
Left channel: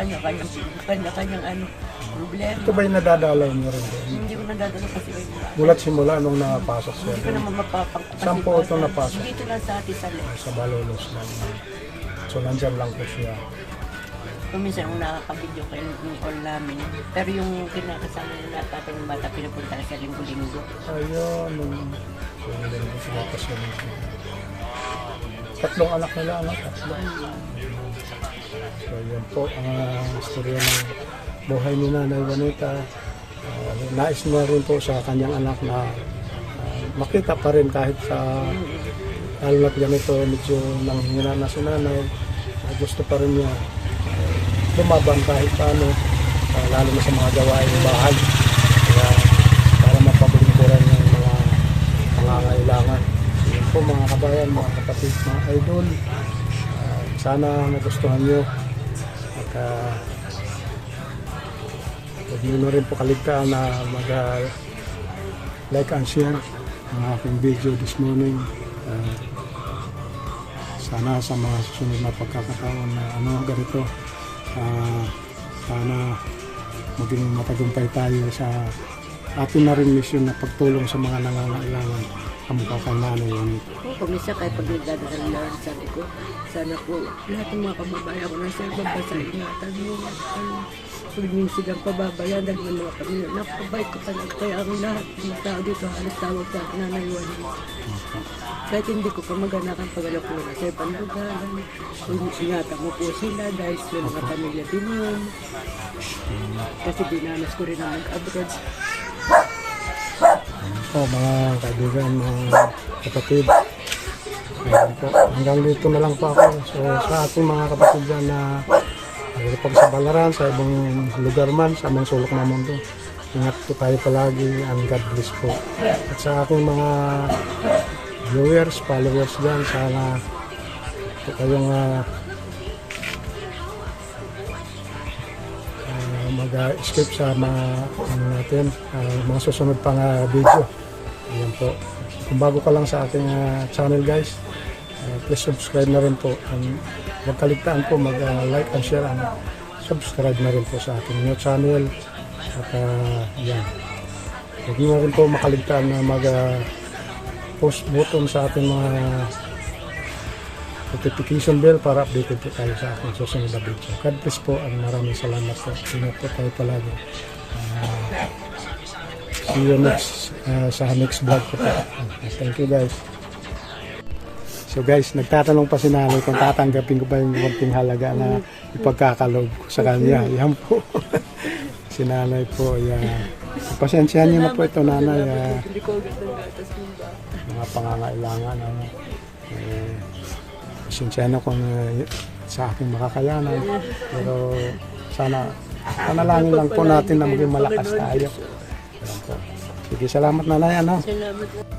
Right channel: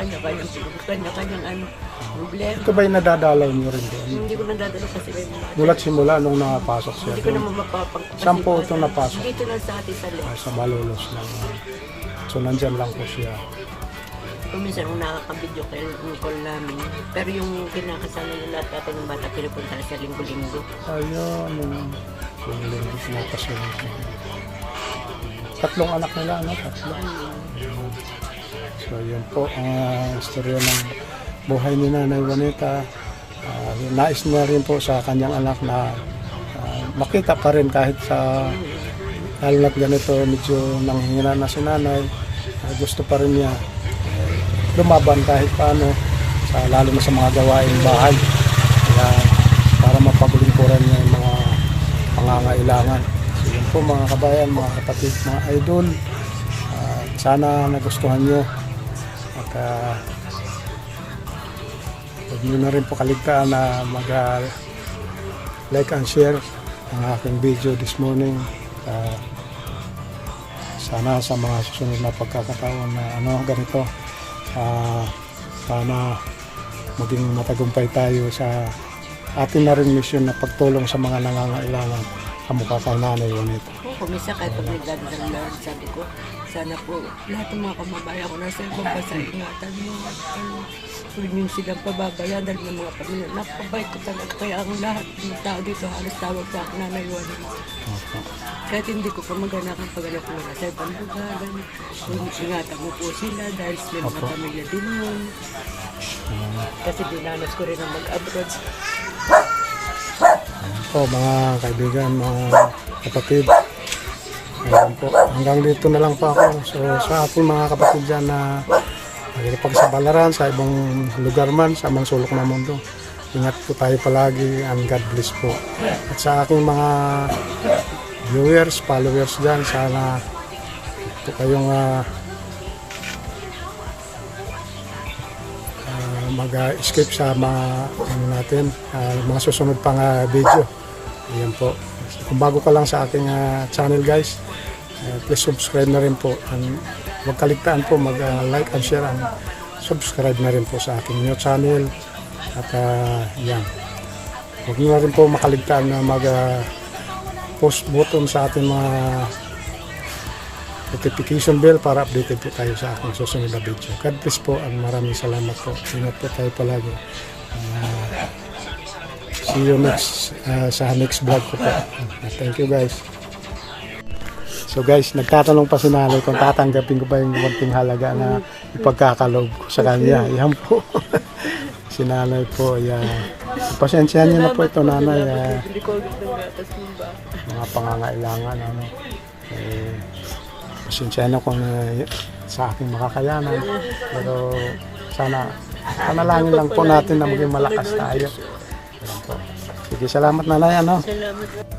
kanya-kanyang ano, problema. Ito ba yung nadadalaw niyo rin doon? Hindi ko nadadalo kasi may mga. Mulat simula nung napasok siya. Hindi ko naman mapapangkapasipasan. Saan po ito napasok? Dito lang sa atin sa left. Sa Malolos lang. So nandyan lang po siya. Kung minsan kung nakaka-video call namin. Pero yung kinakasama nila tatay ng bata, pinupunta na siya linggo-linggo. Ayun. So sinapas yun. Tatlong anak nila, tatlo. So yun po ang istorya ng buhay ni Nanay Juanita. Nais na rin po sa kanyang anak na makita pa rin kahit sa lalo na ganito medyo nanghihina na si nanay. Gusto pa rin niya lumaban kahit paano, lalo na sa mga gawain bahay. Kaya para mapaglingkuran niya yung mga pangangailangan. So, yun po mga kabayan, mga kapatid, mga idol. Sana nagustuhan nyo. At huwag nyo na rin po kaligtaan na mag-like and share ang aking video this morning. Sana sa mga susunod na pagkakataon na ganito, sana maging matagumpay tayo sa atin na rin mission na pagtulong sa mga nangangailangan. kamukha kay nanay yun. Kumisa kahit pag nagdadasal lang, sabi ko, sana po lahat ng mga kababayan ko nasa ibang bansa, ingatan mo. Huwag niyo silang pababayaan dahil ng mga pamilya. Napabait ko talaga. Kaya ang lahat ng tao dito halos tawag sa akin Nanay Juana. Kahit hindi ko pa maganakan pag anak ko na sa ibang lugar. Kung ingatan mo po sila dahil may mga pamilya din yun. Kasi dinanas ko rin ang mag-abroad. Po, mga kaibigan, mga kapatid. Ayan po. Hanggang dito na lang po ako. So, sa ating mga kapatid dyan na pagsabalaran sa ibang lugar man, sa amang sulok ng mundo. Ingat po tayo palagi and God bless po. At sa aking mga viewers, followers dyan, sana po kayong mag-escape sa mga natin, mga susunod pang video. Ayan po. Kung bago ka lang sa aking channel guys, please subscribe na rin po. Huwag kaligtaan po mag-like and share and subscribe na rin po sa aking new channel. At yan. Huwag nyo na rin po makaligtaan na mag-post button sa ating mga notification bell para updated po tayo sa aking susunod na video. God bless po and maraming salamat po. Ingat po tayo palagi. See you next sa next vlog ko po. Thank you guys. So guys, nagtatanong pa si nanay kung tatanggapin ko ba yung konting halaga na ipagkakaloob ko sa kanya. Yan po. Si nanay po. Yan. Pasensyahan niyo na po ito nanay. Hindi ko agad ng gatas ng ba. Mga pangangailangan. Pasensyahan na kung sa aking makakayanan. Pero sana panalangin lang po natin na maging malakas tayo. Yan po. Sige, salamat nanay. Salamat.